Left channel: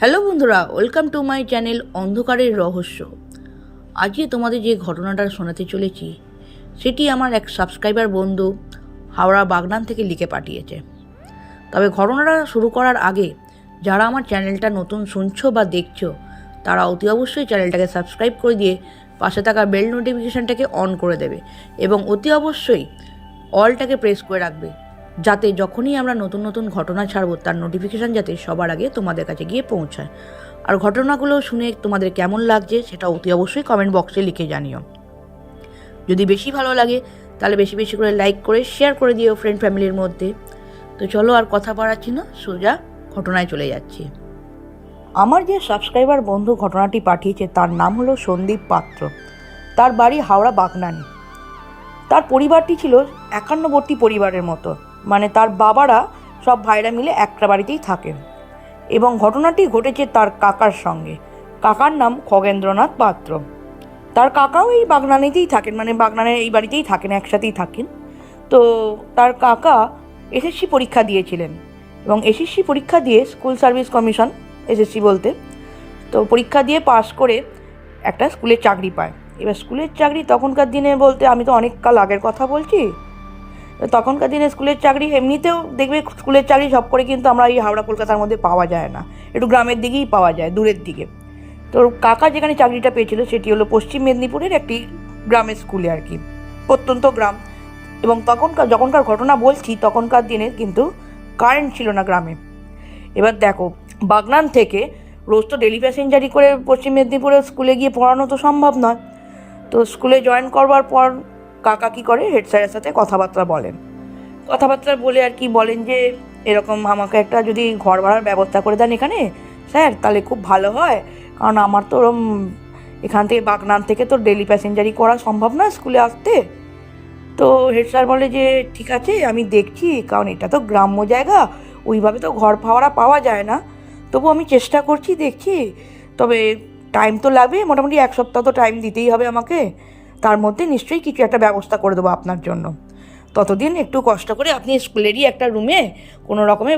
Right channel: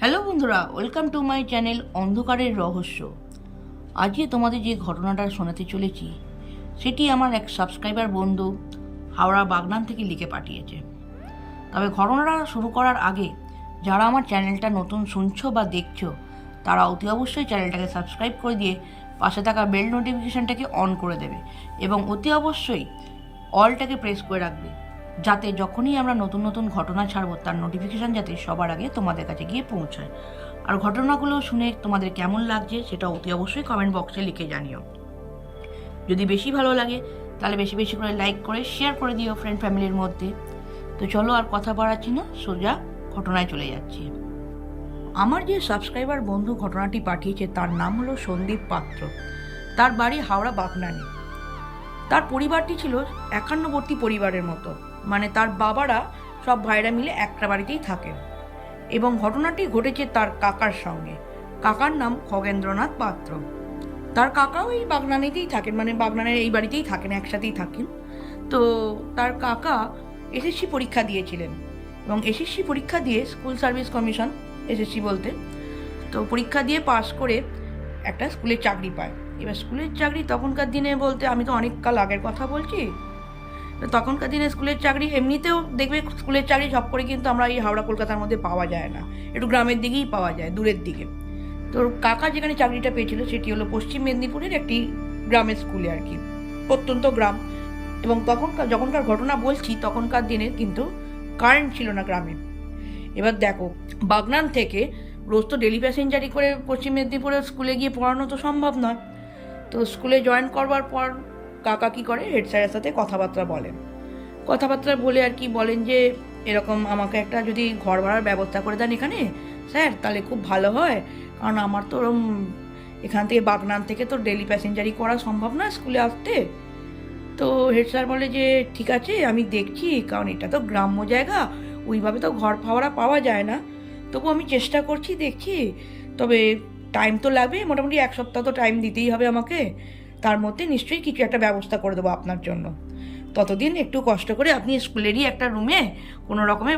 Hello বন্ধুরা, welcome to my channel অন্ধকারের রহস্য। আজকে তোমাদের যে ঘটনাটা শোনাতে চলেছি সেটি আমার এক সাবস্ক্রাইবার বন্ধু হাওড়া বাগনান থেকে লিখে পাঠিয়েছে। তবে ঘটনাটা শুরু করার আগে যারা আমার চ্যানেলটা নতুন শুনছো বা দেখছো তারা অতি অবশ্যই চ্যানেলটাকে সাবস্ক্রাইব করে দিয়ে পাশে থাকা বেল নোটিফিকেশানটাকে অন করে দেবে এবং অতি অবশ্যই অলটাকে প্রেস করে রাখবে, যাতে যখনই আমরা নতুন নতুন ঘটনা ছাড়বো তার নোটিফিকেশান যাতে সবার আগে তোমাদের কাছে গিয়ে পৌঁছায়। আর ঘটনাগুলো শুনে তোমাদের কেমন লাগছে সেটা অতি অবশ্যই কমেন্ট বক্সে লিখে জানিও। যদি বেশি ভালো লাগে তাহলে বেশি বেশি করে লাইক করে শেয়ার করে দিও ফ্রেন্ড ফ্যামিলির মধ্যে। তো চলো আর কথা বাড়াচ্ছি না, সোজা ঘটনায় চলে যাচ্ছি। আমার যে সাবস্ক্রাইবার বন্ধু ঘটনাটি পাঠিয়েছে তার নাম হলো সন্দীপ পাত্র। তার বাড়ি হাওড়া বাগনান। তার পরিবারটি ছিল একান্নবর্তী পরিবারের মতো, মানে তার বাবারা সব ভাইরা মিলে একটা বাড়িতেই থাকেন। এবং ঘটনাটি ঘটেছে তার কাকার সঙ্গে। কাকার নাম খগেন্দ্রনাথ পাত্র। তার কাকাও এই বাগনানেতেই থাকেন, মানে বাগনানের এই বাড়িতেই থাকেন, একসাথেই থাকেন। তো তার কাকা এসএসসি পরীক্ষা দিয়েছিলেন এবং এসএসসি পরীক্ষা দিয়ে স্কুল সার্ভিস কমিশন, এসএসসি বলতে, তো পরীক্ষা দিয়ে পাশ করে একটা স্কুলের চাকরি পায়। এবার স্কুলের চাকরি তখনকার দিনে বলতে আমি তো অনেক কাল আগের কথা বলছি, তখনকার দিনে স্কুলের চাকরি এমনিতেও দেখবে স্কুলের চাকরি সব করে কিন্তু আমরা এই হাওড়া কলকাতার মধ্যে পাওয়া যায় না, একটু গ্রামের দিকেই পাওয়া যায়, দূরের দিকে। তো কাকা যেখানে চাকরিটা পেয়েছিল সেটি হলো পশ্চিম মেদিনীপুরের একটি গ্রামের স্কুলে আর কি, প্রত্যন্ত গ্রাম। এবং যখনকার ঘটনা বলছি তখনকার দিনে কিন্তু কারেন্ট ছিল না গ্রামে। এবার দেখো, বাগনান থেকে রোজ তো ডেলি প্যাসেঞ্জারি করে পশ্চিম মেদিনীপুরের স্কুলে গিয়ে পড়ানো তো সম্ভব নয়। তো স্কুলে জয়েন করবার পর কাকা কী করে, হেড স্যারের সাথে কথাবার্তা বলে আর কি বলেন যে এরকম আমাকে একটা যদি ঘর ভাড়ার ব্যবস্থা করে দেন এখানে স্যার, তাহলে খুব ভালো হয়, কারণ আমার তো ওরম এখান থেকে বাগনান থেকে তো ডেলি প্যাসেঞ্জারি করা সম্ভব না স্কুলে আসতে। তো হেড স্যার বলে যে ঠিক আছে আমি দেখছি, কারণ এটা তো গ্রাম্য জায়গা, ওইভাবে তো ঘর ভাড়া পাওয়া যায় না, তবু আমি চেষ্টা করছি, দেখছি, তবে টাইম তো লাগবে, মোটামুটি এক সপ্তাহ তো টাইম দিতেই হবে আমাকে, তার মধ্যে নিশ্চয়ই কিছু একটা ব্যবস্থা করে দেবো আপনার জন্য। ততদিন একটু কষ্ট করে আপনি স্কুলেরই একটা রুমে কোনো রকমে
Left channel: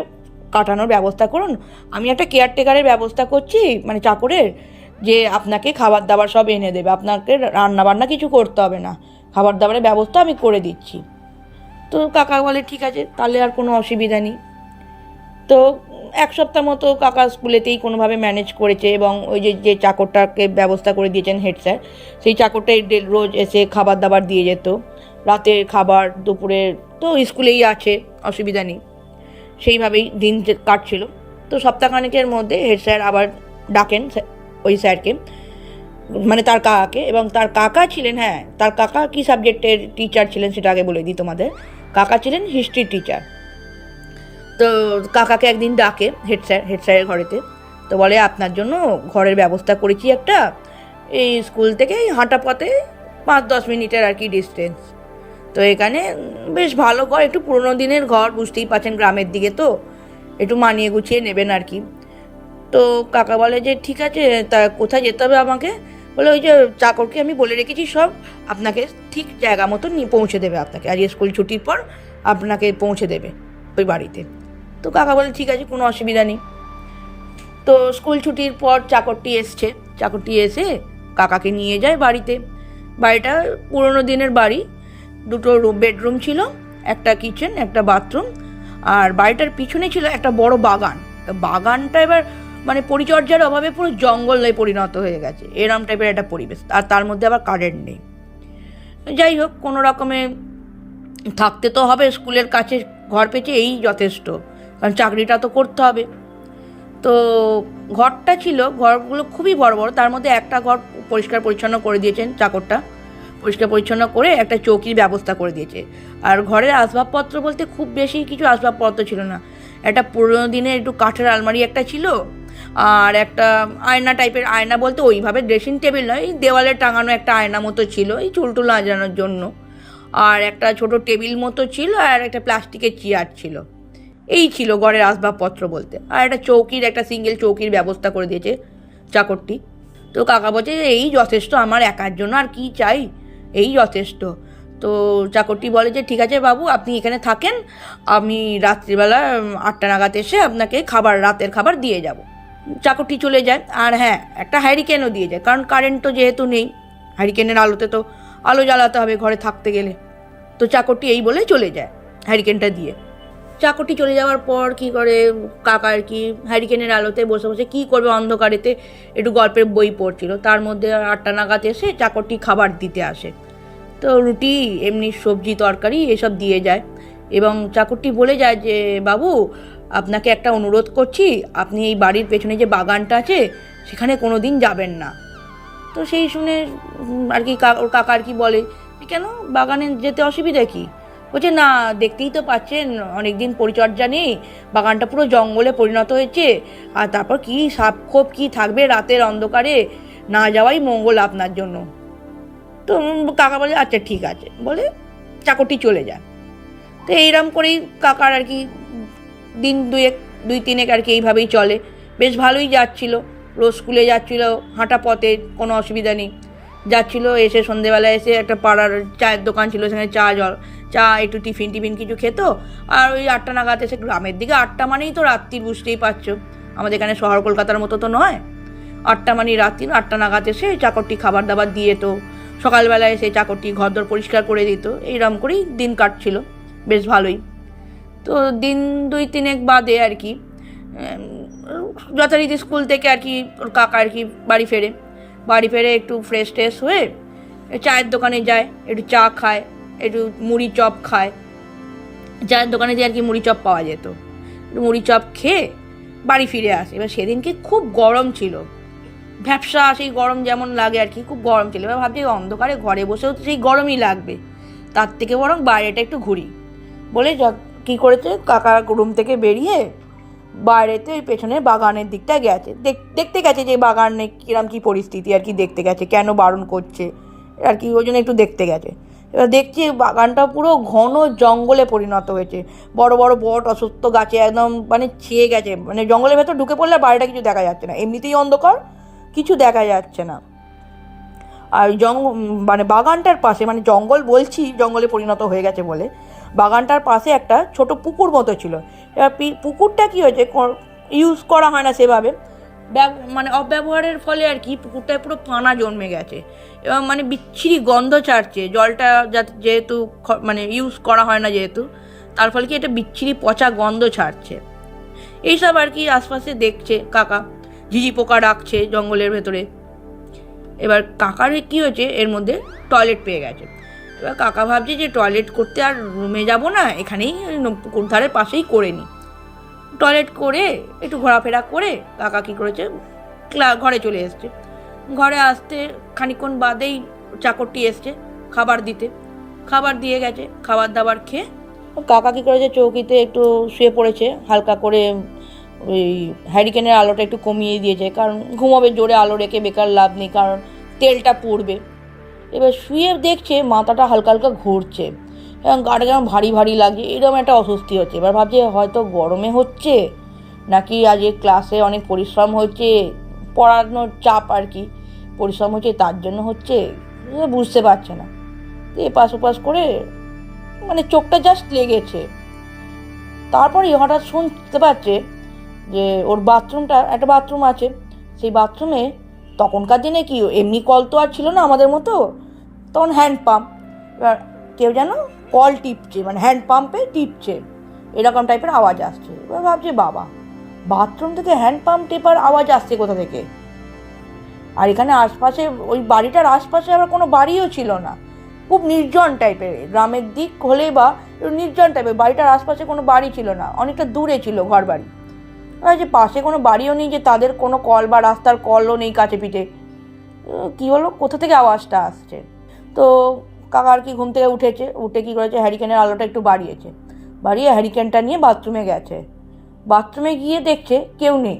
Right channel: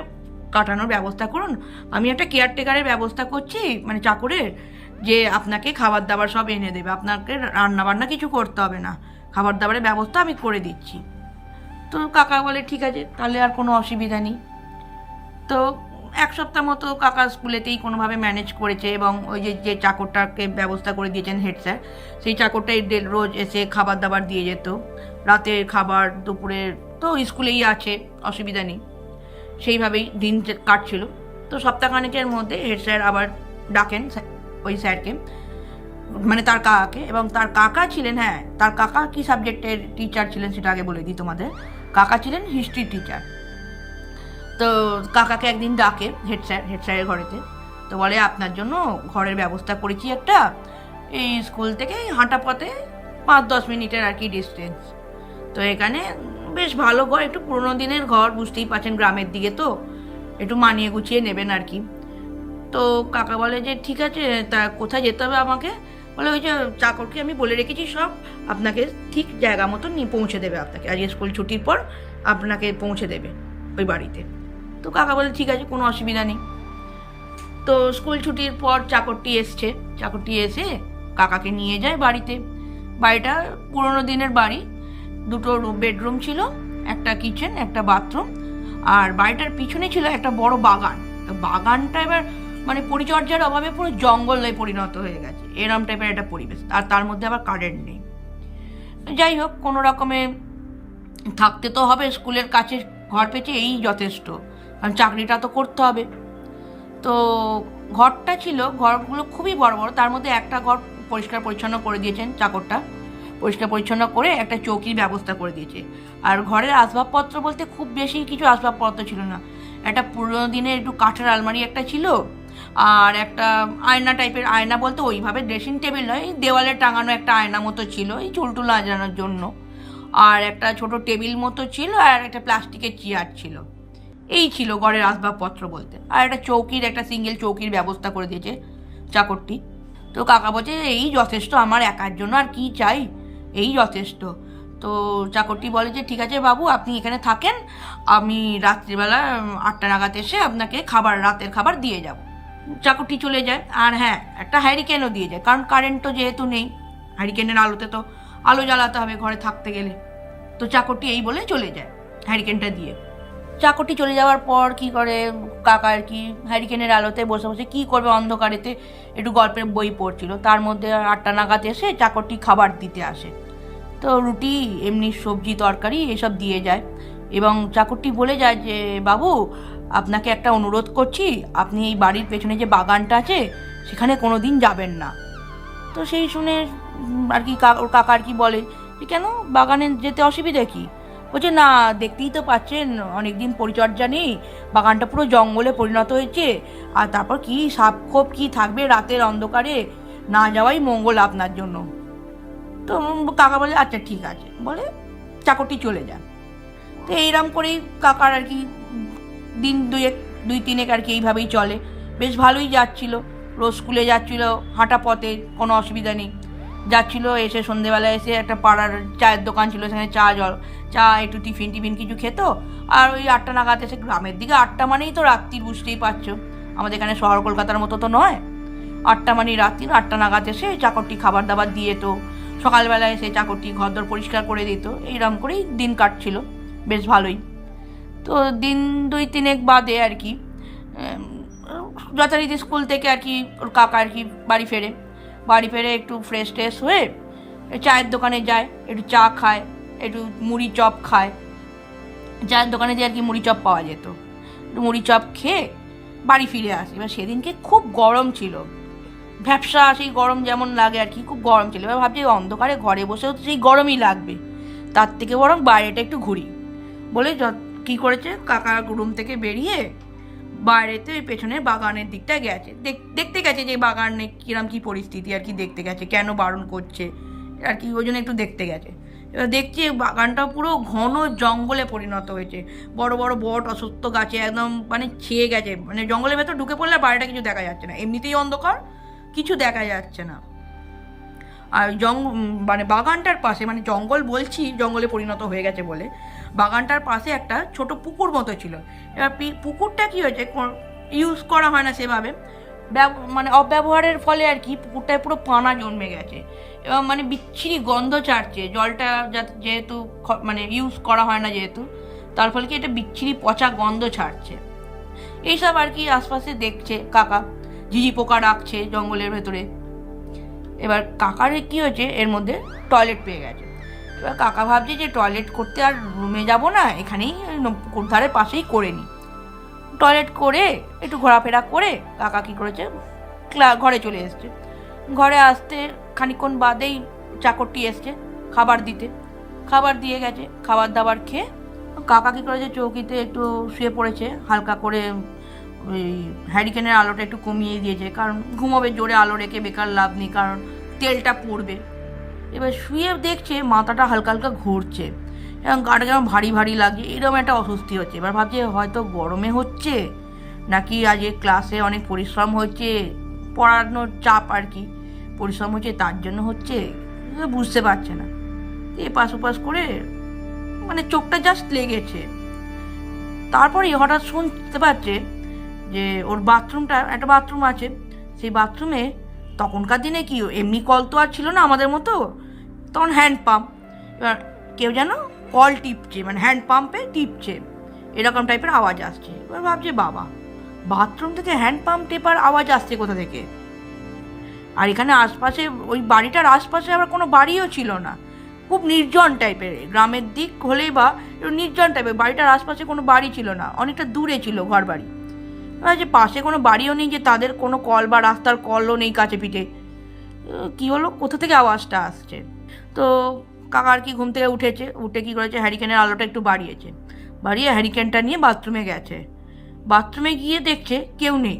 কাটানোর ব্যবস্থা করুন, আমি একটা কেয়ারটেকারের ব্যবস্থা করছি, মানে চাকরের, যে আপনাকে খাবার দাবার সব এনে দেবে, আপনাকে রান্না বান্না কিছু করতে হবে না, খাবার দাবারের ব্যবস্থা আমি করে দিচ্ছি। তো কাকা বলে ঠিক আছে, তাহলে আর কোনো অসুবিধা নেই। তো এক সপ্তাহ মতো কাকা স্কুলেতেই কোনোভাবে ম্যানেজ করেছে এবং ওই যে চাকরটাকে ব্যবস্থা করে দিয়েছেন হেড স্যার, সেই চাকরটাই রোজ এসে খাবার দাবার দিয়ে যেত, রাতের খাবার, দুপুরের তো স্কুলেই আছে, অসুবিধা নেই, সেইভাবেই দিন কাটছিল। তো সপ্তাহখানেকের মধ্যে হেড স্যার আবার ডাকেন ওই স্যারকে, মানে তার কাকাকে, এবং তার কাকা ছিলেন, হ্যাঁ তার কাকা কী সাবজেক্টের টিচার ছিলেন সেটা আগে বলে দিই তোমাদের, কাকা ছিলেন হিস্ট্রি টিচার। তো কাকাকে একদিন ডাকে হেড স্যারের ঘরেতে, তো বলে আপনার জন্য ঘরের ব্যবস্থা করেছি একটা, এই স্কুল থেকে হাঁটা পথে 5-10 মিনিটের আর কি ডিস্টেন্স। তো এখানে বেশ ভালো ঘর, একটু পুরোনো দিনের ঘর, বুঝতেই পারছেন গ্রামের দিকে তো একটু মানিয়ে গুছিয়ে নেবেন আর কি। তো কাকা বলে যে ঠিক আছে, তা কোথায় যেতে হবে আমাকে, বলে ওই যে চাকরকে আমি বলে রেখেছি সব আপনাকে ঠিক জায়গা মতো নিয়ে পৌঁছে দেবে, আপনাকে আজ স্কুল ছুটির পর আপনাকে পৌঁছে দেবে ওই বাড়িতে। তো কাকা বলে ঠিক আছে, কোনো অসুবিধা নেই। তো স্কুল ছুটির পর চাকরটি এসে কাকাকে নিয়ে যায় বাড়িতে। বাড়িটা পুরোনো দিনের বাড়ি, 2টো বেডরুম ছিল, একটা কিচেন, একটা বাথরুম, আর বাড়িটার পিছনে ছিল একটা বড় বাগান। তো বাগানটা এবার মানে পরিচর্যার অভাবে পুরো জঙ্গলে পরিণত হয়ে গেছে, এরম টাইপের একটা পরিবেশ, আর তার মধ্যে আবার কারেন্ট নেই। যাই হোক, কোনো রকমে থাকতে তো হবে, স্কুলের কাছে ঘর পেয়েছে এই যথেষ্ট, কারণ চাকরিটা তো করতে হবে। তো ঘরটা ছিল, ঘরগুলো খুবই বড় বড়, তার মধ্যে একটা ঘর পরিষ্কার পরিচ্ছন্ন করে দিয়েছেন চাকরটা, পরিষ্কার পরিচ্ছন্ন করে একটা চৌকির ব্যবস্থা করে দিয়েছে। আর ঘরের আসবাবপত্র বলতে খুব বেশি কিছু আসবাবপত্র ছিল না, একটা পুরোনো দিনের একটু কাঠের আলমারি একটা ছিল, আর একটা আয়না টাইপের, আয়না বলতে ওইভাবে ড্রেসিং টেবিল নয়, এই দেওয়ালে টাঙানো একটা আয়না মতো ছিল এই চুলটুল আজানোর জন্য, আর একটা ছোট টেবিল মতো ছিল, আর একটা প্লাস্টিকের চেয়ার ছিল, এই ছিল ঘরের আসবাবপত্র বলতে। আর একটা সিঙ্গেল চৌকির ব্যবস্থা করে দিয়েছে চাকরটি। তো কাকা বলছে এই যথেষ্ট আমার একার জন্য, আর কি চাই, এই যথেষ্ট। তো চাকরটি বলে যে ঠিক আছে বাবু, আপনি এখানে থাকেন, আমি রাত্রিবেলা 8টা নাগাদ এসে আপনাকে রাতের খাবার দিয়ে যাব। চাকরটি চলে যায়। আর হ্যাঁ, একটা হ্যারিকেনও দিয়ে যায়, কারণ কারেন্ট তো যেহেতু নেই, হ্যারিকেনের আলোতে তো আলো জ্বালাতে হবে ঘরে থাকতে গেলে। তো চাকরটি এই বলে চলে যায় হ্যারিকেনটা দিয়ে। চাকরটি চলে যাওয়ার পর কি করে, কাকা আর কি হ্যারিকেনের আলোতে বসে বসে কী করবে অন্ধকারেতে, একটু গল্পের বই পড়ছিল। তার মধ্যে 8টা নাগাদ এসে চাকরটি খাবার দিতে আসে। তো রুটি, এমনি সবজি তরকারি এসব দিয়ে যায়, এবং চাকরটি বলে যায় যে বাবু, আপনাকে একটা অনুরোধ করছি, আপনি এই বাড়ির পেছনে যে বাগানটা আছে সেখানে কোনো দিন যাবেন না। তো সেই শুনে আর কি ওর কাকা আর কি বলে যে কেন, বাগানে যেতে অসুবিধা কী? বলছে না, দেখতেই তো পাচ্ছেন অনেক দিন পরিচর্যা নেই, বাগানটা পুরো জঙ্গলে পরিণত হয়েছে, আর তারপর কি সাপ খোপ কী থাকবে রাতের অন্ধকারে, না যাওয়াই মঙ্গল আপনার জন্য। তো কাকা বলে আচ্ছা ঠিক আছে বলে চাকরটি চলে যায়। তো এইরকম করেই কাকার আর কি দিন দুই তিনেক আর কি এইভাবেই চলে। বেশ ভালোই যাচ্ছিল, রোজ স্কুলে যাচ্ছিল, হাঁটা পথে কোনো অসুবিধা নেই যাচ্ছিল। এসে সন্ধেবেলা এসে একটা পাড়ার চায়ের দোকান ছিল, সেখানে চা একটু টিফিন কিছু খেত। আর ওই 8টা নাগাদ এসে, গ্রামের দিকে 8টা মানেই তো রাত্রির, বুঝতেই পারছো, আমাদের এখানে শহর কলকাতার মতো তো নয়, 8টা মানে রাত্রির। 8টা নাগাদ এসে চাকরটি খাবার দাবার দিয়ে, তো সকালবেলায় এসে চাকরটি ঘরদোর পরিষ্কার করে দিত। এইরকম করেই দিন কাটছিল বেশ ভালোই। তো দিন দুই তিনেক বাদে আর কি যথারীতি স্কুল থেকে আর কি ওর কাকা আর কি বাড়ি ফেরে একটু ফ্রেশ ট্রেশ হয়ে চায়ের দোকানে যায়, একটু চা খায়, একটু মুড়ি চপ খায়। চায়ের দোকানে দিয়ে আর কি মুড়ি চপ পাওয়া যেত, মুড়ি চপ খেয়ে বাড়ি ফিরে আসে। এবার সেদিনকে খুব গরম ছিল, ভ্যাপসা সেই গরম যেমন লাগে আর কি, খুব গরম ছিল। এবার ভাবছি অন্ধকারে ঘরে বসেও তো সেই গরমই লাগবে, তার থেকে বরং বাইরেটা একটু ঘুরি বলে কী করেছে, কাকা রুম থেকে বেরিয়ে বাইরেতে ওই পেছনের বাগানের দিকটা গেছে, দেখতে গেছে যে বাগানে কিরম কী পরিস্থিতি আর কি, দেখতে গেছে কেন বারণ করছে আর কি, ওই জন্য একটু দেখতে গেছে। এবার দেখছি বাগানটা পুরো ঘন জঙ্গলে পরিণত হয়েছে, বড় বড় বট অশ্বত্থ গাছে একদম মানে ছেয়ে গেছে, মানে জঙ্গলের ভেতর ঢুকে পড়লে বাইরেটা কিছু দেখা যাচ্ছে না, এমনিতেই অন্ধকার, কিছু দেখা যাচ্ছে না। আর মানে বাগানটার পাশে, মানে জঙ্গল বলছি জঙ্গলে পরিণত হয়ে গেছে বলে, বাগানটার পাশে একটা ছোট পুকুর মতো ছিল। এবার পুকুরটা কী হয়েছে, ইউজ করা হয় না সেভাবে, মানে অব্যবহারের ফলে আর কি পুকুরটায় পুরো পানা জন্মে গেছে, এবং মানে বিচ্ছিরি গন্ধ ছাড়ছে জলটা, যেহেতু মানে ইউজ করা হয় না যেহেতু, তার ফলে কি এটা বিচ্ছিরি পচা গন্ধ ছাড়ছে। এইসব আর কি আশপাশে দেখছে কাকা, ঝিঝি পোকা ডাকছে জঙ্গলের ভেতরে। এবার কাকার কী হয়েছে, এর মধ্যে টয়লেট পেয়ে গেছে। এবার কাকা ভাবছে যে টয়লেট করতে আর রুমে যাব না, এখানেই পুকুর ধারের পাশেই করে নিই। টয়লেট করে একটু ঘোরাফেরা করে কাকা কী করেছে, ঘরে চলে এসছে। ঘরে আসতে খানিকক্ষণ বাদেই চাকরটি এসছে খাবার দিতে, খাবার দিয়ে গেছে। খাবার দাবার খেয়ে কাকা কী করেছে, চৌকিতে একটু শুয়ে পড়েছে, হালকা করে ওই হ্যারিকেনের আলোটা একটু কমিয়ে দিয়েছে, কারণ ঘুমোবে, জোরে আলো রেখে বেকার লাভ নেই, কারণ তেলটা পড়বে। এবার শুয়ে দেখছে মাথাটা হালকা হালকা ঘুরছে এবং গাটা যেমন ভারী ভারী লাগছে, এরকম একটা অস্বস্তি হচ্ছে। এবার ভাবছে হয়তো গরমে হচ্ছে, নাকি আজ ক্লাসে অনেক পরিশ্রম হচ্ছে, পড়ানোর চাপ আর কি, পরিশ্রম হচ্ছে তার জন্য হচ্ছে, বুঝতে পারছে না। এপাশ ওপাশ করে মানে চোখটা জাস্ট লেগেছে। তারপরে হঠাৎ শুনতে পাচ্ছে যে ওর বাথরুমটা, একটা বাথরুম আছে, সেই বাথরুমে তখনকার দিনে কি এমনি কল তো আর ছিল না আমাদের মতো, তখন হ্যান্ড পাম্প, এবার কেউ যেন কল টিপছে, মানে হ্যান্ড পাম্পে টিপছে, এরকম টাইপের আওয়াজ আসছে। এবার ভাবছে বাবা, বাথরুম থেকে হ্যান্ড পাম্প টেপার আওয়াজ আসছে কোথা থেকে? আর এখানে আশপাশে, ওই বাড়িটার আশপাশে আবার কোনো বাড়িও ছিল না, খুব নির্জন টাইপের, গ্রামের দিক হলে বা নির্জন টাইপের, বাড়িটার আশপাশে কোনো বাড়ি ছিল না, অনেকটা দূরে ছিল ঘর বাড়ি। যে পাশে কোনো বাড়িও নেই, যে তাদের কোনো কল বা রাস্তার কলও নেই কাছে পিঠে, কী হলো, কোথা থেকে আওয়াজটা আসছে? তো কাকা আর কি ঘুম থেকে উঠে কী করেছে, হ্যারিকেনের আলোটা একটু বাড়িয়ে হ্যারিকেনটা নিয়ে বাথরুমে গেছে। বাথরুমে গিয়ে দেখছে কেউ নেই,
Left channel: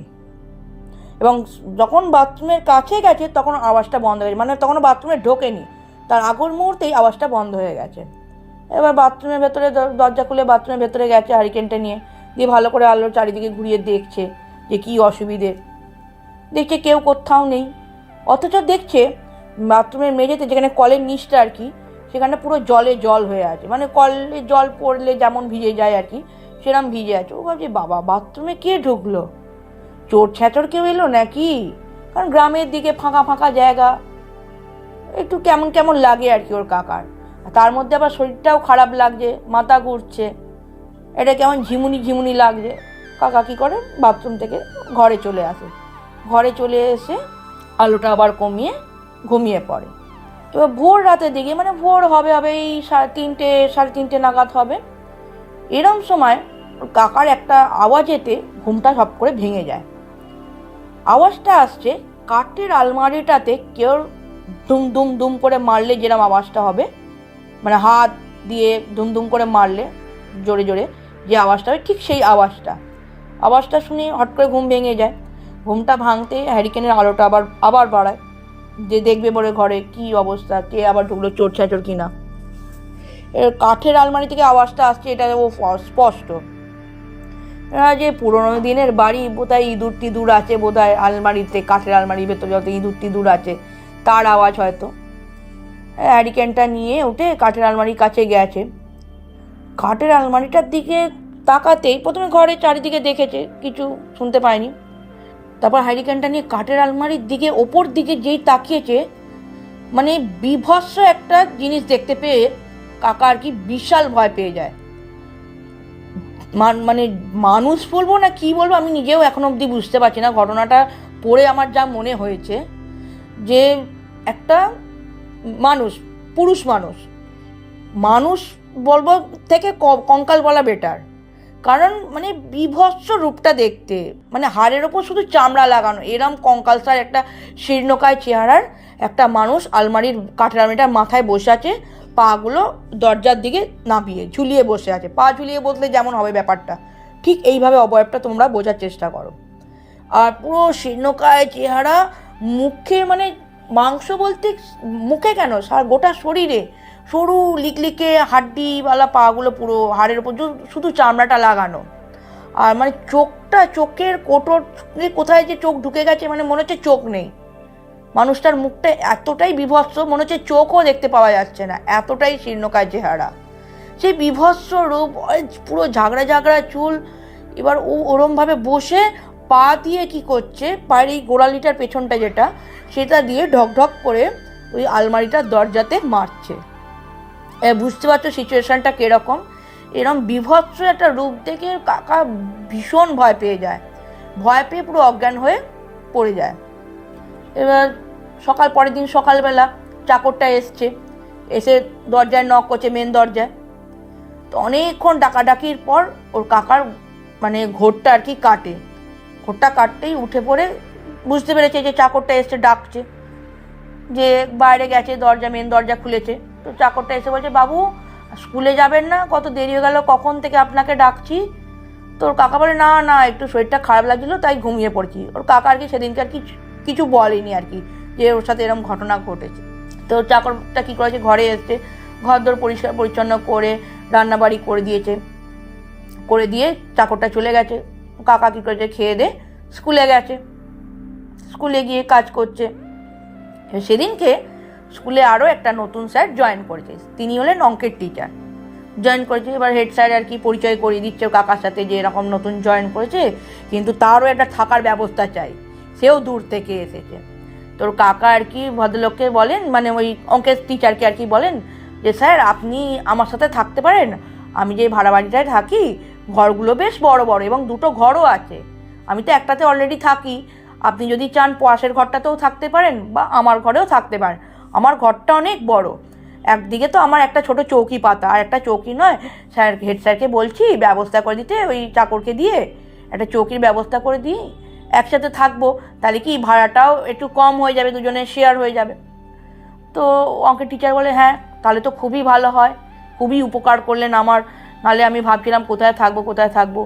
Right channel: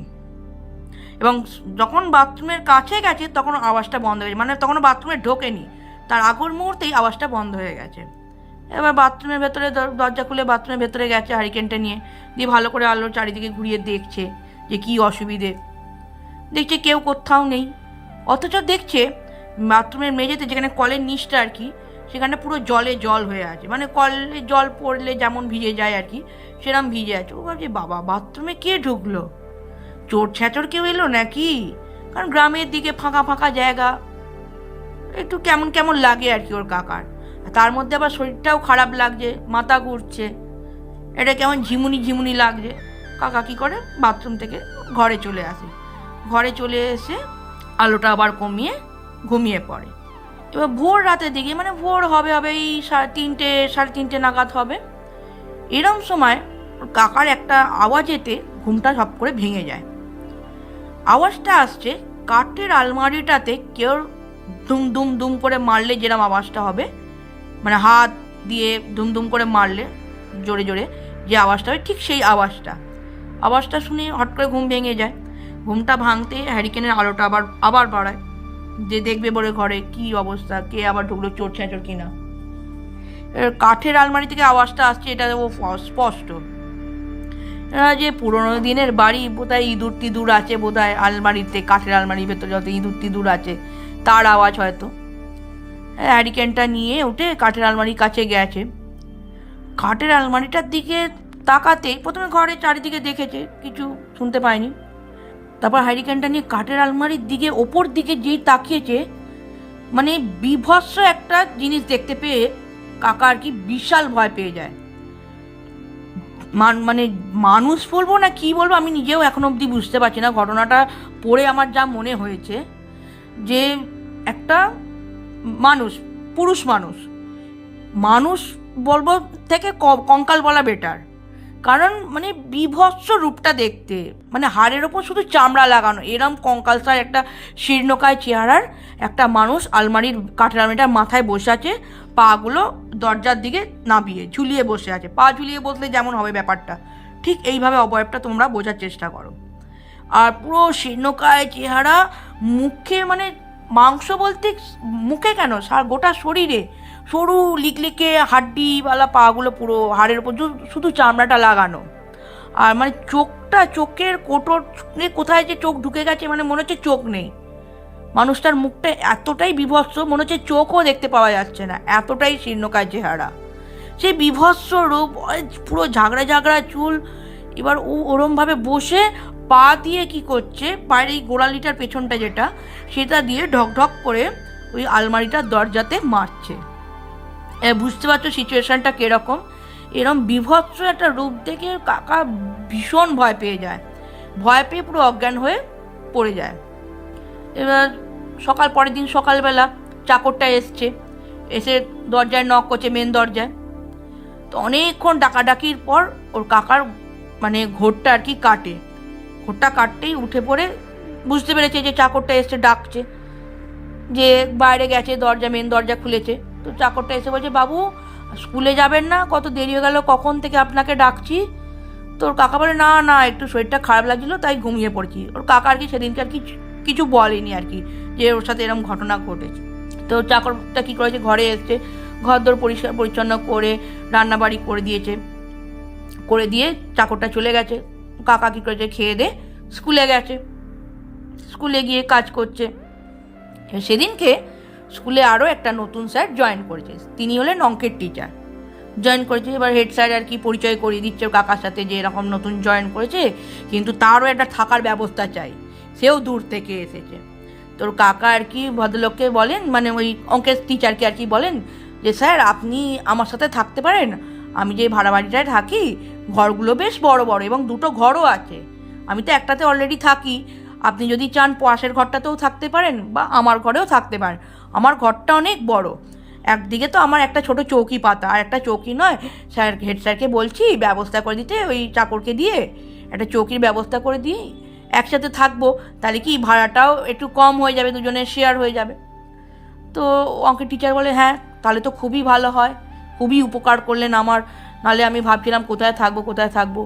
এবং যখন বাথরুমের কাছে গেছে তখন আওয়াজটা বন্ধ হয়ে গেছে, মানে তখনও বাথরুমে ঢোকেনি, তার আগের মুহূর্তেই আওয়াজটা বন্ধ হয়ে গেছে। এবার বাথরুমের ভেতরে দরজা খুলে বাথরুমের ভেতরে গেছে হ্যারিকেনটা নিয়ে, দিয়ে ভালো করে আলোর চারিদিকে ঘুরিয়ে দেখছে যে কী অসুবিধে। দেখছে কেউ কোথাও নেই, অথচ দেখছে বাথরুমের মেঝেতে, যেখানে কলের নিচটা আর কি, সেখানে পুরো জল হয়ে আছে, মানে কলে জল পড়লে যেমন ভিজে যায় আর কি, সেরকম ভিজে আছে। ও ভাবছে বাবা, বাথরুমে কে ঢুকলো? চোর ছ্যাচর কেউ এলো নাকি, কারণ গ্রামের দিকে ফাঁকা ফাঁকা জায়গা, একটু কেমন কেমন লাগে আর কি ওর কাকার। তার মধ্যে আবার শরীরটাও খারাপ লাগছে, মাথা ঘুরছে, এটা কেমন ঝিমুনি ঝিমুনি লাগছে। কাকা কী করে, বাথরুম থেকে ঘরে চলে আসে। ঘরে চলে এসে আলোটা আবার কমিয়ে ঘুমিয়ে পড়ে। এবার ভোর রাতের দিকে, মানে ভোর হবে হবে এই 3:30 3:30 নাগাদ হবে, এরম সময় কাকার একটা আওয়াজেতে ঘুমটা সব করে ভেঙে যায়। আওয়াজটা আসছে কাঠের আলমারিটাতে কেউ দুম দুম দুম করে মারলে যেরকম আওয়াজটা হবে, মানে হাত দিয়ে দুম দুম করে মারলে জোরে জোরে যে আওয়াজটা হয়, ঠিক সেই আওয়াজটা শুনে হট করে ঘুম ভেঙে যায়। ঘুমটা ভাঙতে হ্যারিকেনের আলোটা আবার বাড়ায়, যে দেখবে বলে ঘরে কি অবস্থা, কে আবার ঢুকলো, চোর ছ্যাচর কিনা। কাঠের আলমারি থেকে আওয়াজটা আসছে, এটা ও স্পষ্ট যে পুরোনো দিনের বাড়ি, বোধহয় ইঁদুর টিঁদুর আছে বোধহয় আলমারিতে, কাঠের আলমারির ভেতরে যত ইঁদুর টিঁদুর আছে তার আওয়াজ হয়তো। হ্যারিকেনটা নিয়ে উঠে কাঠের আলমারির কাছে গেছে। কাঠের আলমারিটার দিকে তাকাতেই প্রথমে ঘরে চারিদিকে দেখেছে, কিছু শুনতে পায়নি। তারপর হ্যারিকেনটা নিয়ে কাঠের আলমারির দিকে ওপর দিকে যেই তাকিয়েছে, মানে বিভৎস একটা জিনিস দেখতে পেয়ে কাকা আর কি বিশাল ভয় পেয়ে যায়। মানে মানুষ বলবো না কি বলবো আমি নিজেও এখন অবধি বুঝতে পারছি না। ঘটনাটা পড়ে আমার যা মনে হয়েছে যে একটা মানুষ, পুরুষ মানুষ বলবো থেকে কঙ্কাল বলা বেটার, কারণ মানে বিভৎস রূপটা দেখতে, মানে হাড়ের ওপর শুধু চামড়া লাগানো, এরম কঙ্কালসার একটা শীর্ণকায় চেহারার একটা মানুষ কাঠের আলমারিটার মাথায় বসে আছে, পাগুলো দরজার দিকে নামিয়ে ঝুলিয়ে বসে আছে। পা ঝুলিয়ে বসলে যেমন হবে ব্যাপারটা, ঠিক এইভাবে অবয়বটা তোমরা বোঝার চেষ্টা করো। আর পুরো শীর্ণকায় চেহারা, মুখে মানে মাংস বলতে মুখে কেন, গোটা শরীরে সরু লিকলিকে হাড্ডিওয়ালা পাগুলো, পুরো হাড়ের ওপর শুধু চামড়াটা লাগানো। আর মানে চোখের কোটর কোথায় যে চোখ ঢুকে গেছে, মানে মনে হচ্ছে চোখ নেই। মানুষটার মুখটা এতটাই বিভৎস, মনে হচ্ছে চোখও দেখতে পাওয়া যাচ্ছে না, এতটাই শীর্ণকায় চেহারা। সেই বিভৎস রূপ, পুরো ঝাগড়া ঝাগড়া চুল। এবার ও ওরমভাবে বসে পা দিয়ে কি করছে, পায়ের এই গোড়ালিটার পেছনটা যেটা, সেটা দিয়ে ঢক ঢক করে ওই আলমারিটার দরজাতে মারছে। বুঝতে পারছো সিচুয়েশনটা কিরকম। এরকম বিভৎস একটা রূপ দেখে কাকা ভীষণ ভয় পেয়ে যায়, ভয় পেয়ে পুরো অজ্ঞান হয়ে পড়ে যায়। এবার পরের দিন সকালবেলা চাকরটা এসে দরজায় নক করছে, মেন দরজায়। তো অনেকক্ষণ ডাকাডাকির পর ওর কাকার মানে ঘোরটা আর কি কাটে। ঘোরটা কাটতেই উঠে পড়ে বুঝতে পেরেছে যে চাকরটা এসে ডাকছে, যে বাইরে গেছে, মেন দরজা খুলেছে। তো চাকরটা এসে বলছে, বাবু স্কুলে যাবেন না, কত দেরি হয়ে গেল, কখন থেকে আপনাকে ডাকছি। তোর কাকা বলে, না না একটু শরীরটা খারাপ লাগছিল তাই ঘুমিয়ে পড়ছি। ওর কাকা আর কি সেদিনকে আর কি কিছু বলেনি আর কি, যে ওর সাথে এরকম ঘটনা ঘটেছে। তো চাকরটা কী করেছে, ঘরে এসছে, ঘরদোর পরিষ্কার পরিচ্ছন্ন করে রান্নাবাড়ি করে দিয়ে চাকরটা চলে গেছে। কাকা কী করেছে, খেয়ে দিয়ে স্কুলে গেছে, স্কুলে গিয়ে কাজ করছে। সেদিনকে স্কুলে আরও একটা নতুন স্যার জয়েন করেছে, তিনি হলেন অঙ্কের টিচার। জয়েন করেছে, এবার হেড স্যার আর কি পরিচয় করিয়ে দিচ্ছে কাকার সাথে যে এরকম নতুন জয়েন করেছে, কিন্তু তারও একটা থাকার ব্যবস্থা চাই, সেও দূর থেকে এসেছে। তোর কাকা আর কি ভদ্রলোককে বলেন, মানে ওই অঙ্কের টিচারকে আর কি বলেন যে, স্যার আপনি আমার সাথে থাকতে পারেন, আমি যে ভাড়া বাড়িটায় থাকি ঘরগুলো বেশ বড় বড় এবং দুটো ঘরও আছে, আমি তো একটাতে অলরেডি থাকি, আপনি যদি চান পাশের ঘরটাতেও থাকতে পারেন বা আমার ঘরেও থাকতে পারেন, আমার ঘরটা অনেক বড়, একদিকে তো আমার একটা ছোট চৌকি পাতা, আর একটা চৌকি নয়, হেড স্যারকে বলছি ব্যবস্থা করে দিতে, ওই চাকরকে দিয়ে একটা চৌকির ব্যবস্থা করে দিই, একসাথে থাকবো, তাহলে কি ভাড়াটাও একটু কম হয়ে যাবে, দুজনের শেয়ার হয়ে যাবে। তো অঙ্কের টিচার বলে, হ্যাঁ তাহলে তো খুবই ভালো হয়, খুবই উপকার করলেন আমার, নাহলে আমি ভাবছিলাম কোথায় থাকবো,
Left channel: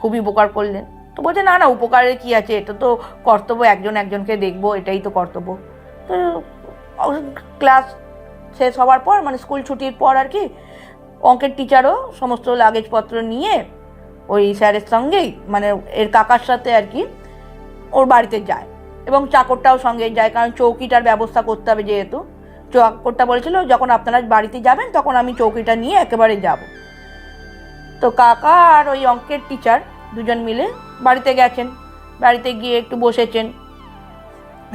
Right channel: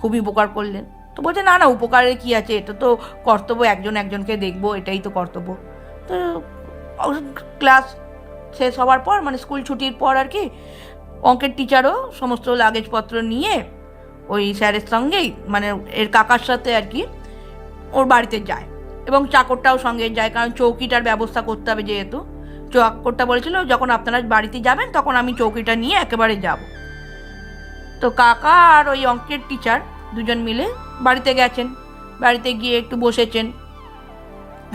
খুবই উপকার করলেন। তো বলছে, না না উপকারের কি আছে, এটা তো কর্তব্য, একজনকে দেখবো, এটাই তো কর্তব্য। তো ক্লাস শেষ হওয়ার পর, মানে স্কুল ছুটির পর আর কি, অঙ্কের টিচারও সমস্ত লাগেজপত্র নিয়ে ওই স্যারের সঙ্গেই, মানে এর কাকার সাথে আর কি ওর বাড়িতে যায়, এবং চাকরটাও সঙ্গে যায়, কারণ চৌকিটার ব্যবস্থা করতে হবে যেহেতু। চাকরটা বলেছিল, যখন আপনারা বাড়িতে যাবেন তখন আমি চৌকিটা নিয়ে একেবারে যাব। তো কাকা আর ওই অঙ্কের টিচার দুজন মিলে বাড়িতে গেছেন। বাড়িতে গিয়ে একটু বসেছেন,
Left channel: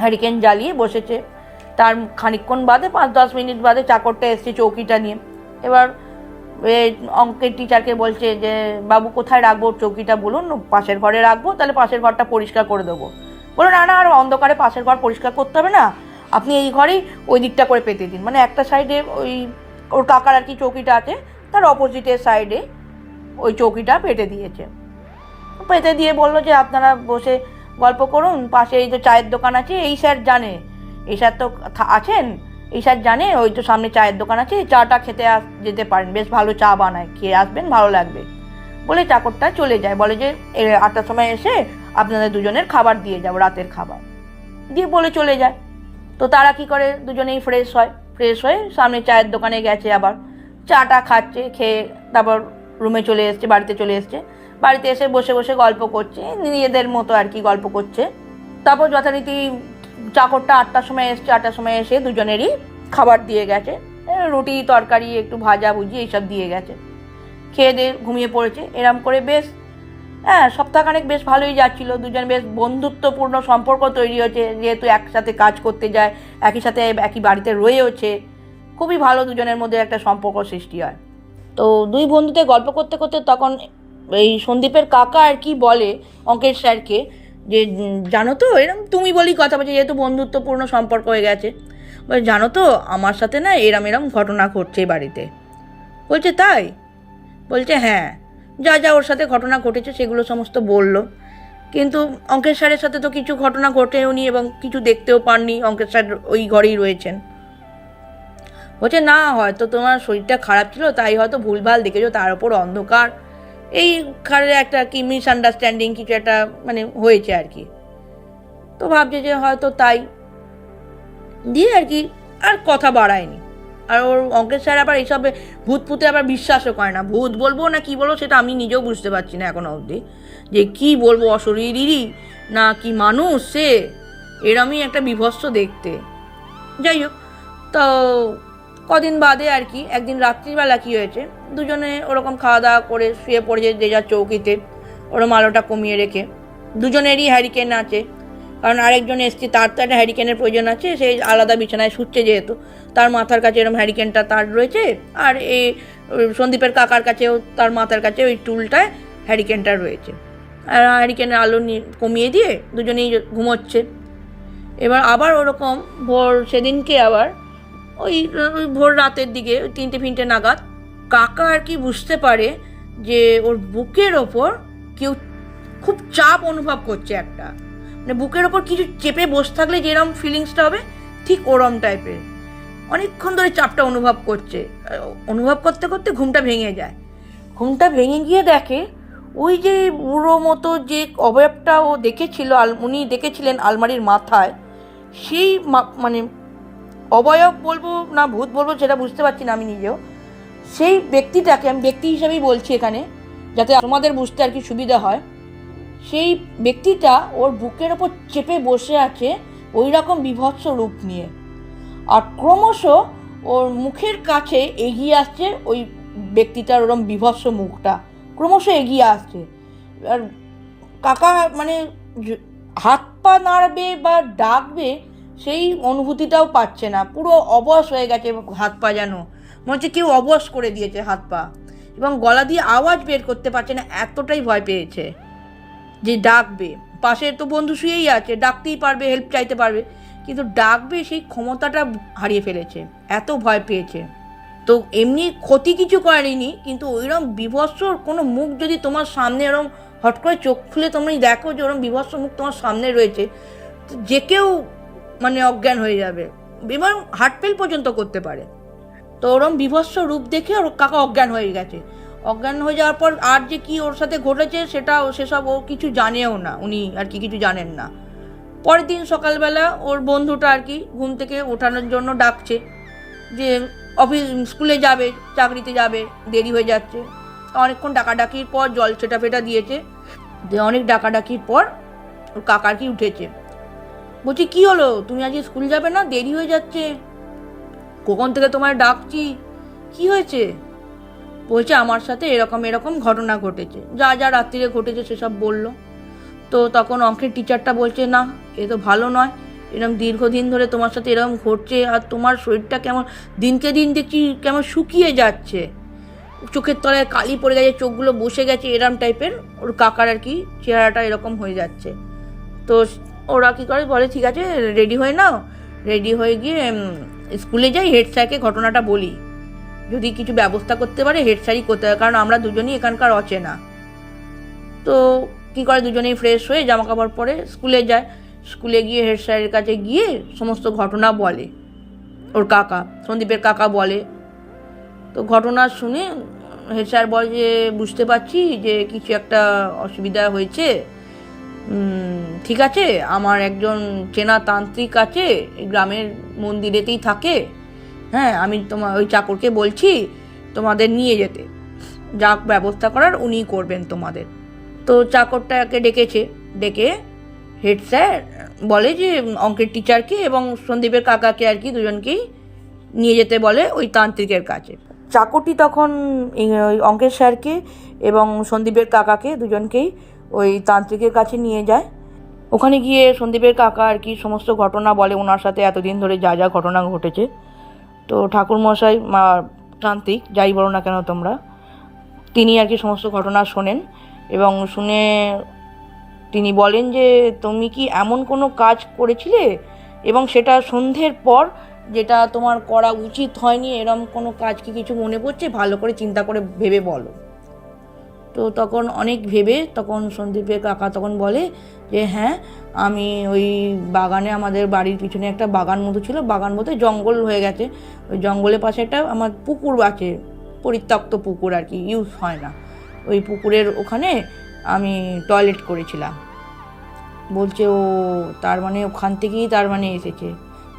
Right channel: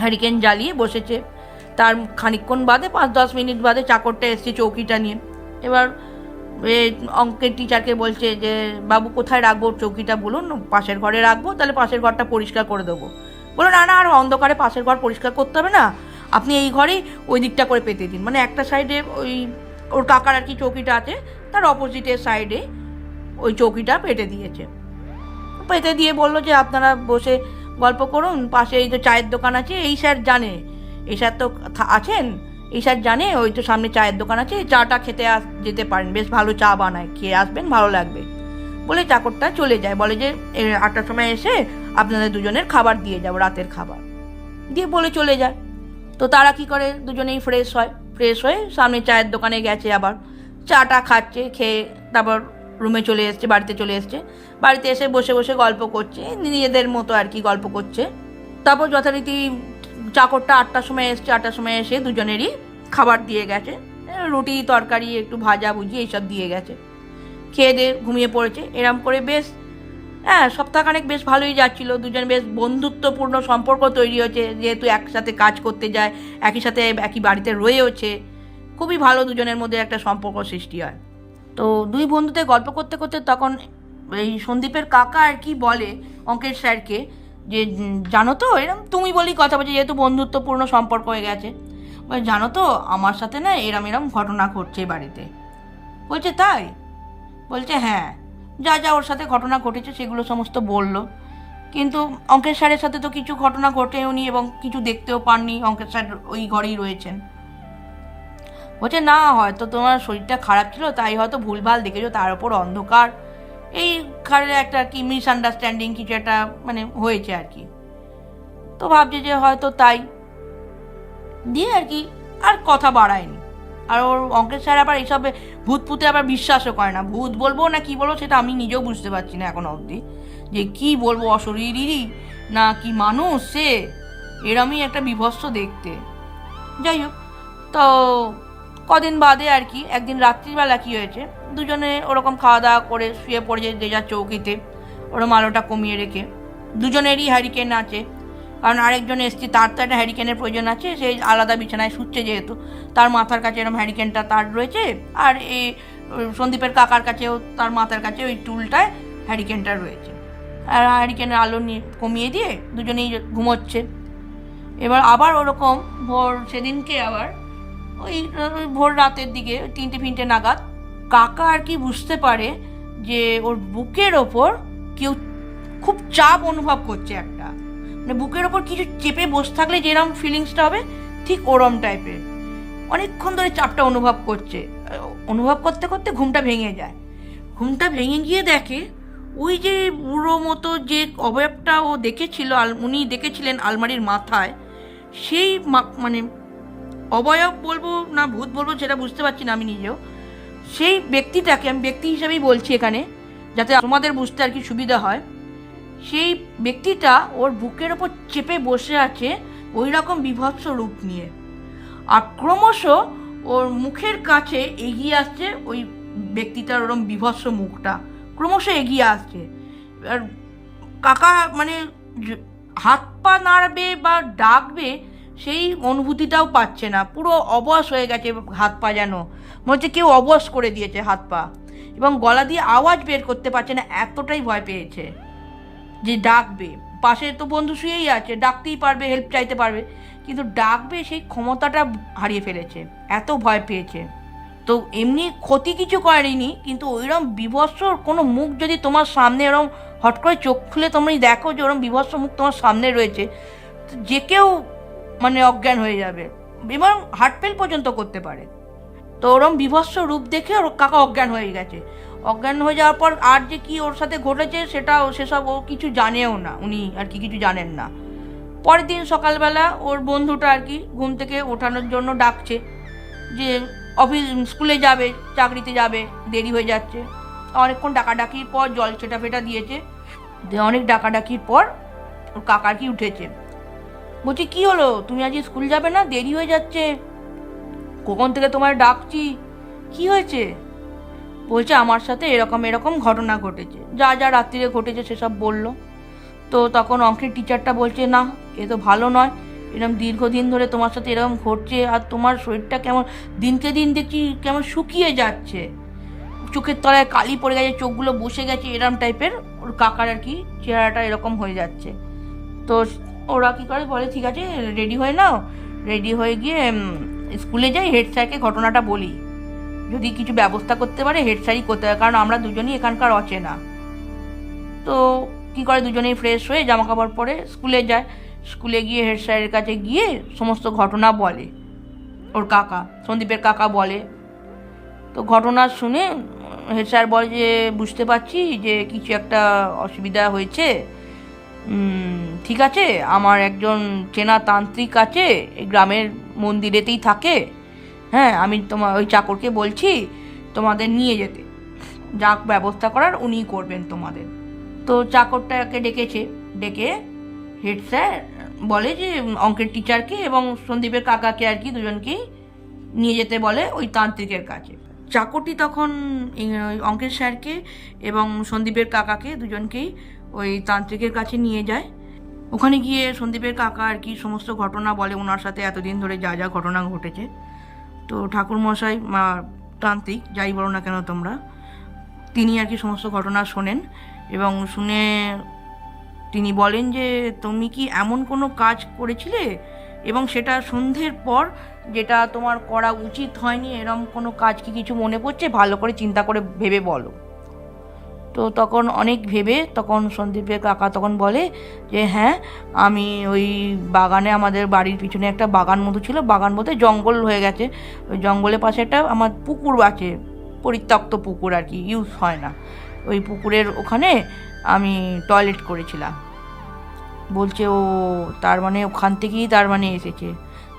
হ্যারিকেন জ্বালিয়ে বসেছে। তার খানিকক্ষণ বাদে 5-10 মিনিট বাদে চাকরটা এসছে চৌকিটা নিয়ে। এবার অঙ্কের টিচারকে বলছে যে বাবু কোথায় রাখবো চৌকিটা, বলুন পাশের ঘরে রাখবো, তাহলে পাশের ঘরটা পরিষ্কার করে দেবো। বলো না না, আর অন্ধকারে পাশের ঘর পরিষ্কার করতে হবে না, আপনি এই ঘরেই ওই দিকটা করে পেতে দিন। মানে একটা সাইডে ওই ওর কাকার আর কি চৌকিটা আছে, তার অপোজিটের সাইডে ওই চৌকিটা পেতে দিয়েছে। পেতে দিয়ে বললো যে আপনারা বসে গল্প করুন, পাশে এই যে চায়ের দোকান আছে, এই স্যার জানে, এই স্যার তো আছেন, এই স্যার জানে ওই তো সামনে চায়ের দোকান আছে, চাটা খেতে যেতে পারেন, বেশ ভালো চা বানায়, খেয়ে আসবেন, ভালো লাগবে। বলে চাকরটা চলে যায়, বলে যে 8টার সময় এসে আপনাদের দুজনের খাবার দিয়ে যাবো, রাতের খাবার দিয়ে বলে চলে যায়। তো তারা কি করে, দুজনেই ফ্রেশ হয়ে সামনে চায়ের দোকানে গেছে, আবার চাটা খাচ্ছে, খেয়ে তারপর রুমে চলে এসছে, বাড়িতে চলে এসছে। বাড়িতে এসে বসে বসে গল্প করছে, নিজেদের মতো আর কি গল্প করছে। তারপর যথারীতি চাকরটা 8টার সময় এসছে, 8টার সময় এসে দুজনেরই খাবার দিয়ে গেছে, রুটি তরকারি একটু ভাজা ভুজি এইসব দিয়ে গেছে। খেয়ে দিয়ে ঘুমিয়ে পড়েছে। এরম করে বেশ সপ্তাহখানেক বেশ ভালোই যাচ্ছিল, দুজন বেশ বন্ধুত্বপূর্ণ সম্পর্ক তৈরি হয়েছে, যেহেতু একসাথে কাজ করতে যায়, একই সাথে একই বাড়িতে রয়েওছে, খুবই ভালো দুজনের মধ্যে একটা সম্পর্ক সৃষ্টি হয়। তো দুই বন্ধুতে গল্প করতে করতে তখন এই সন্দীপের কাকা আর কি বলে অঙ্কের স্যারকে যে জানো তো, এরম তুমি বলি কথা বলছে, যেহেতু বন্ধুত্বপূর্ণ সম্পর্ক হয়ে গেছে, বলে জানো তো আমার সাথে না এরম ঘটনা ঘটছে বাড়িতে। বলছে তাই? বলছে হ্যাঁ, যা যা ওর সাথে ঘটনা ঘটেছে সেগুলো সমস্ত বলল। কিন্তু অঙ্কের স্যারের সাথে তো কিছু ঘটনা ঘটেও নি এবং কিছু দেখতেও পাননি, অঙ্কের স্যার ওই ঘরেই রয়েছেন। বলছে না, হয়তো তোমার শরীরটা খারাপ ছিল, তাই হয়তো ভুলভাল দেখেছো, তার ওপর অন্ধকার, এই ঘরের একটা কি মিসআন্ডারস্ট্যান্ডিং কিছু একটা মানে হয়েছে আর কি। তো ভাবছে যে হয়তো তাই, দিয়ে আর কি আর কথা বাড়ায়নি। আর ওর অঙ্কের স্যার আবার এইসবে ভূতে আবার বিশ্বাসও করে না। ভূত বলবো না কি বলবো সেটা আমি নিজেও বুঝতে পারছি না এখনো অবধি, যে কি বলবো, অশরীরই না কি মানুষ সে, এরমই একটা বিভৎস দেখতে। যাই হোক, তো কদিন বাদে আর কি একদিন রাত্রিবেলা কি হয়েছে, দুজনে ওরকম খাওয়া দাওয়া করে শুয়ে পড়েছে যে যার চৌকিতে, ওরম আলোটা কমিয়ে রেখে। দুজনেরই হ্যারিকেন আছে, কারণ আরেকজন এসছে, তার তো একটা হ্যারিকেনের প্রয়োজন আছে, সেই আলাদা বিছানায় শুচ্ছে যেহেতু, তার মাথার কাছে এরকম হ্যারিকেনটা তার রয়েছে, আর এই সন্দীপের কাকার কাছেও তার মাথার কাছে ওই টুলটায় হ্যারিকেনটা রয়েছে। আর হ্যারিকেনের আলো কমিয়ে দিয়ে দুজনেই ঘুমোচ্ছে। এবার আবার ওরকম সেদিনকে আবার ওই ভোর রাতের দিকে 3টে নাগাদ কাকা আর কি বুঝতে পারে যে ওর বুকের ওপর কেউ খুব চাপ অনুভব করছে, একটা মানে বুকের ওপর কিছু চেপে বসে থাকলে যেরকম ফিলিংসটা হবে ঠিক ওরম টাইপের, অনেকক্ষণ ধরে চাপটা অনুভব করছে। অনুভব করতে করতে ঘুমটা ভেঙে যায়। ঘুমটা ভেঙে গিয়ে দেখে ওই যে বুড়ো মতো যে অবয়বটা ও দেখেছিল, উনি দেখেছিলেন আলমারির মাথায়, সেই মানে অবয়ব বলবো না ভূত বলবো সেটা বুঝতে পারছি না আমি নিজেও, সেই ব্যক্তিটাকে আমি ব্যক্তি হিসাবেই বলছি এখানে যাতে তোমাদের বুঝতে আর কি সুবিধা হয়, সেই ব্যক্তিটা ওর বুকের ওপর চেপে বসে আছে ওই রকম বিভৎস রূপ নিয়ে, আর ক্রমশ ওর মুখের কাছে এগিয়ে আসছে ওই ব্যক্তিটার ওরম বিভৎস মুখটা, ক্রমশ এগিয়ে আসছে। আর কাকা মানে হাত পা নাড়বে বা ডাকবে সেই অনুভূতিটাও পাচ্ছে না, পুরো অবশ হয়ে গেছে হাত পা, যেন মনে হচ্ছে কেউ অবশ করে দিয়েছে হাত পা, এবং গলা দিয়ে আওয়াজ বের করতে পারছে না, এতটাই ভয় পেয়েছে যে ডাকবে। পাশে তো বন্ধু শুয়েই আছে, ডাকতেই পারবে, হেল্প চাইতে পারবে, কিন্তু ডাকবে সেই ক্ষমতাটা হারিয়ে ফেলেছে, এত ভয় পেয়েছে। তো এমনি ক্ষতি কিছু করেনি, কিন্তু ওইরকম বিভৎস কোনো মুখ যদি তোমার সামনে এরকম হট করে চোখ খুলে তোমরা দেখো যে ওরকম বিভৎস মুখ তোমার সামনে রয়েছে, যে কেউ মানে অজ্ঞান হয়ে যাবে এবং হার্ট ফেল পর্যন্ত করতে পারে। তো ওরম বিভৎস রূপ দেখে ওর কাকা অজ্ঞান হয়ে গেছে। অজ্ঞান হয়ে যাওয়ার পর আর যে কি ওর সাথে ঘটেছে সেসব ও কিছু জানেও না, উনি আর কি কিছু জানেন না। পরের দিন সকালবেলা ওর বন্ধুটা আর কি ঘুম থেকে ওঠানোর জন্য ডাকছে যে স্কুলে যাবে, চাকরিতে যাবে, দেরি হয়ে যাচ্ছে। অনেকক্ষণ ডাকাডাকির পর জল ফেটা দিয়েছে, অনেক ডাকাডাকির পর ওর কাকা কি উঠেছে। বলছি কি হলো, তুমি আজ স্কুল যাবে না, দেরি হয়ে যাচ্ছে, কখন থেকে তোমার ডাকছি, কি হয়েছে? বলছে আমার সাথে এরকম ঘটনা ঘটেছে, যা যা রাত্রিরে ঘটেছে সেসব বলল। তো তখন অঙ্কের টিচারটা বলছে, না এ তো ভালো নয়, এরকম দীর্ঘদিন ধরে তোমার সাথে এরকম ঘটছে, আর তোমার শরীরটা কেমন দিনকে দিন দেখছি কেমন শুকিয়ে যাচ্ছে, চোখের তলায় কালি পড়ে গেছে, চোখগুলো বসে গেছে, এরম টাইপের ওর কাকার আর কি চেহারাটা এরকম হয়ে যাচ্ছে। তো ওরা কী করে, বলে ঠিক আছে রেডি হয়ে নাও, রেডি হয়ে গিয়ে স্কুলে যাই, হেড স্যারকে ঘটনাটা বলি, যদি কিছু ব্যবস্থা করতে পারে হেড স্যারই করতে পারে, কারণ আমরা দুজনই এখানকার অচেনা। তো কী করে, দুজনেই ফ্রেশ হয়ে জামা কাপড় পরে স্কুলে যায়। স্কুলে গিয়ে হেড স্যারের কাছে গিয়ে সমস্ত ঘটনা বলে, ওর কাকা সন্দীপের কাকা বলে। তো ঘটনা শুনে হেড স্যার বলে যে বুঝতে পারছি যে কিছু একটা অসুবিধা হয়েছে, ঠিক আছে, আমার একজন চেনা তান্ত্রিক আছে, এই গ্রামের মন্দিরেতেই থাকে, হ্যাঁ আমি তোমার ওই চাকরকে বলছি তোমাদের নিয়ে যেতে, যা ব্যবস্থা করার উনিই করবেন তোমাদের। তো চাকরটাকে ডেকেছে, ডেকে হেড স্যার বলে যে অঙ্কের টিচারকে এবং সন্দীপের কাকাকে আর কি দুজনকেই নিয়ে যেতে বলে ওই তান্ত্রিকের কাছে। চাকরটি তখন ওই অঙ্কের স্যারকে এবং সন্দীপের কাকাকে দুজনকেই ওই তান্ত্রিকের কাছে নিয়ে যায়। ওখানে গিয়ে সন্দীপের কাকা আর কি সমস্ত ঘটনা বলে, ওনার সাথে এতদিন ধরে যা যা ঘটনা ঘটেছে। তো ঠাকুরমশাই তান্ত্রিক যাই বলো না কেন তোমরা, তিনি আর কি সমস্ত ঘটনা শোনেন এবং শুনে তিনি বলেন যে তুমি কি এমন কোনো কাজ করেছিলে এবং সেটা সন্ধ্যের পর, যেটা তোমার করা উচিত হয়নি, এরম কোনো কাজ কি কিছু মনে পড়ছে, ভালো করে চিন্তা করে ভেবে বলো। তো তখন অনেক ভেবে তখন সন্দীপের কাকা তখন বলে যে হ্যাঁ, আমি ওই বাগানে, আমাদের বাড়ির পিছনে একটা বাগান মতো ছিল, বাগান মতো জঙ্গল হয়ে গেছে, ওই জঙ্গলের পাশে একটা আমার পুকুর আছে, পরিত্যক্ত পুকুর আর কি, ইউজ হয় না, ওই পুকুরের ওখানে আমি টয়লেট করেছিলাম। বলছে ও তার মানে ওখান থেকেই তার মানে এসেছে।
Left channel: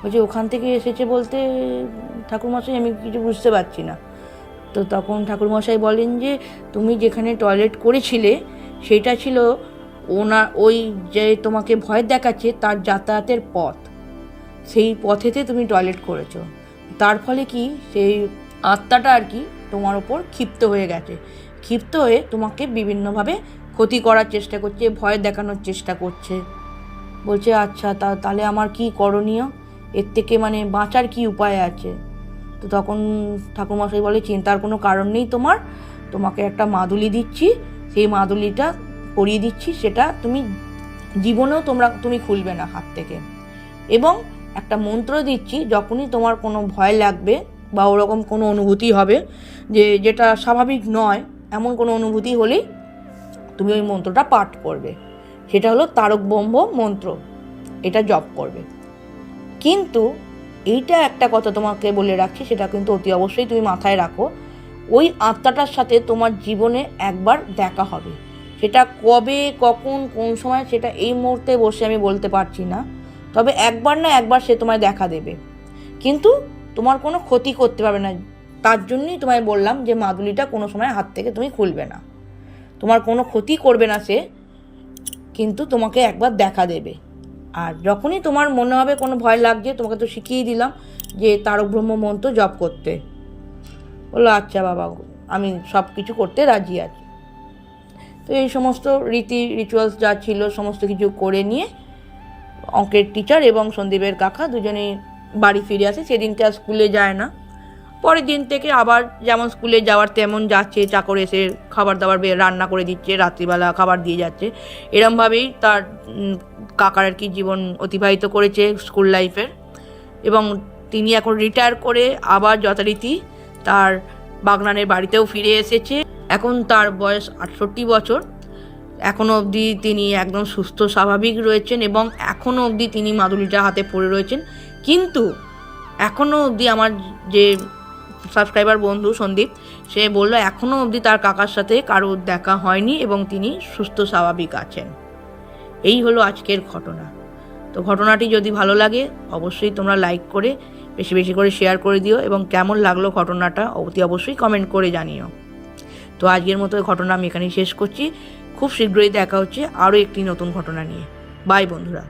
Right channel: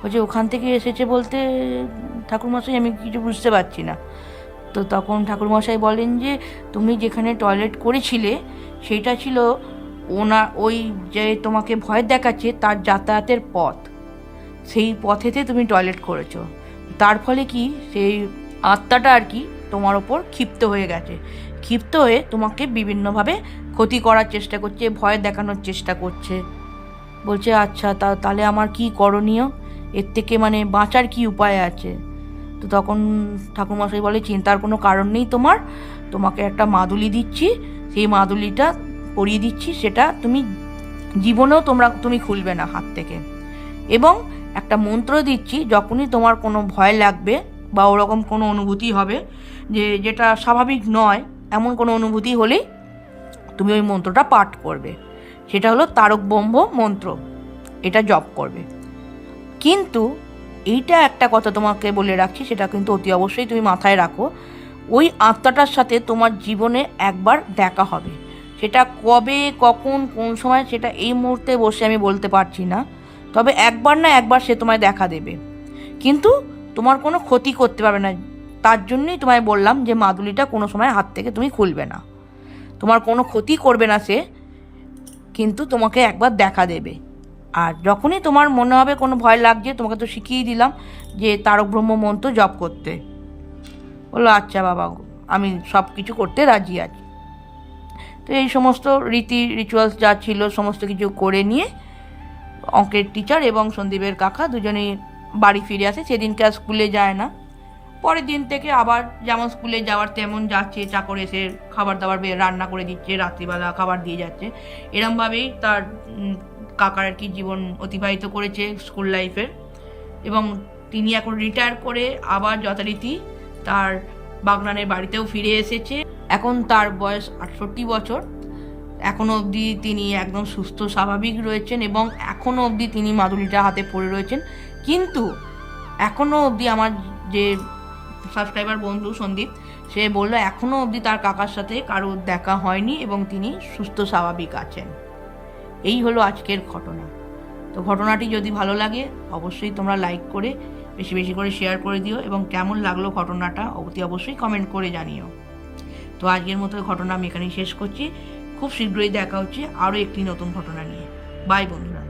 বলছে ওখান থেকে এসেছে বলতে ঠাকুরমশাই আমি কিছু বুঝতে পারছি না। তো তখন ঠাকুরমশাই বলেন যে তুমি যেখানে টয়লেট করেছিলে সেটা ছিল ওই যে তোমাকে ভয় দেখাচ্ছে তার যাতায়াতের পথ, সেই পথেতে তুমি টয়লেট করেছো, তার ফলে কি সেই আত্মাটা আর কি তোমার ওপর ক্ষিপ্ত হয়ে গেছে, ক্ষিপ্ত হয়ে তোমাকে বিভিন্নভাবে ক্ষতি করার চেষ্টা করছে, ভয় দেখানোর চেষ্টা করছে। বলছে আচ্ছা তাহলে আমার কি করণীয়, এর থেকে মানে বাঁচার কি উপায় আছে? তো তখন ঠাকুরমশাই বলে চিন্তার কোনো কারণ নেই, তোমাকে একটা মাদুলি দিচ্ছি, সেই মাদুলিটা পরিয়ে দিচ্ছি, সেটা তুমি জীবনেও তুমি খুলবে না হাত থেকে, এবং একটা মন্ত্র দিচ্ছি, যখনই তোমার কোনো ভয় লাগবে বা ওরকম কোনো অনুভূতি হবে যেটা স্বাভাবিক নয়, এমন কোনো অনুভূতি হলেই তুমি ওই মন্ত্রটা পাঠ করবে, সেটা হলো তারক ব্রহ্ম মন্ত্র, এটা জপ করবে। কিন্তু এইটা একটা কথা তোমাকে বলে রাখছি, সেটা কিন্তু অতি অবশ্যই তুমি মাথায় রাখো, ওই আত্মাটার সাথে তোমার জীবনে একবার দেখা হবে, সেটা কবে কখন কোন সময় সেটা এই মুহূর্তে বসে আমি বলতে পারছি না, তবে একবার না একবার সে তোমায় দেখা দেবে, কিন্তু তোমার কোনো ক্ষতি করতে পারবে না। তার জন্যই তোমায় বললাম যে মাদুলিটা কোনো সময় হাত থেকে তুমি খুলবে না, তোমার কোনো ক্ষতি করবে না সে, কিন্তু তোমাকে একবার দেখা দেবে। আর যখনই তোমার মনে হবে কোনো ভয় লাগছে, তোমাকে তো শিখিয়ে দিলাম যে তারক ব্রহ্ম মন্ত্র জপ করতে। বললো আচ্ছা বাবা, আমি সব কিছু করতে রাজি আছি। তো এই সমস্ত রিচুয়ালস যা ছিল সমস্ত কিছু করে নিয়ে অঙ্কের টিচার এবং সন্দীপের কাকা দুজনেই বাড়ি ফিরে আসে। সেদিনকে আর স্কুলে যায় না, পরের দিন থেকে আবার যেমন স্কুলে যাওয়ার তেমন যাচ্ছে, চাকর এসে খাবার দাবার রান্না করে দিচ্ছে, রাত্রিবেলা খাবার দিয়ে যাচ্ছে, এরমভাবেই তার কাকার আর কি জীবন অতিবাহিত করেছে স্কুল লাইফের। এবং তিনি এখন রিটায়ার করে আবার যথারীতি তার বাগনানের বাড়িতেও ফিরে এসেছে। এখন তার বয়স 68 বছর, এখনও অবধি তিনি একদম সুস্থ স্বাভাবিক রয়েছেন এবং এখনও অবধি তিনি মাদুলিটা হাতে পড়ে রয়েছেন। কিন্তু এখনও অবধি আমার যে সাবস্ক্রাইবার বন্ধু সন্দীপ, সে বলল এখনও অবধি তার কাকার সাথে কারোর দেখা হয়নি এবং তিনি সুস্থ স্বাভাবিক আছেন। এই হলো আজকের ঘটনা। তো ঘটনাটি যদি ভালো লাগে অবশ্যই তোমরা লাইক করে বেশি বেশি করে শেয়ার করে দিও এবং কেমন লাগলো ঘটনাটা অতি অবশ্যই কমেন্ট করে জানিও। তো আজকের মতো ঘটনা আমি এখানেই শেষ করছি। খুব শীঘ্রই দেখা হচ্ছে আরও একটি নতুন ঘটনা নিয়ে। বাই বন্ধুরা।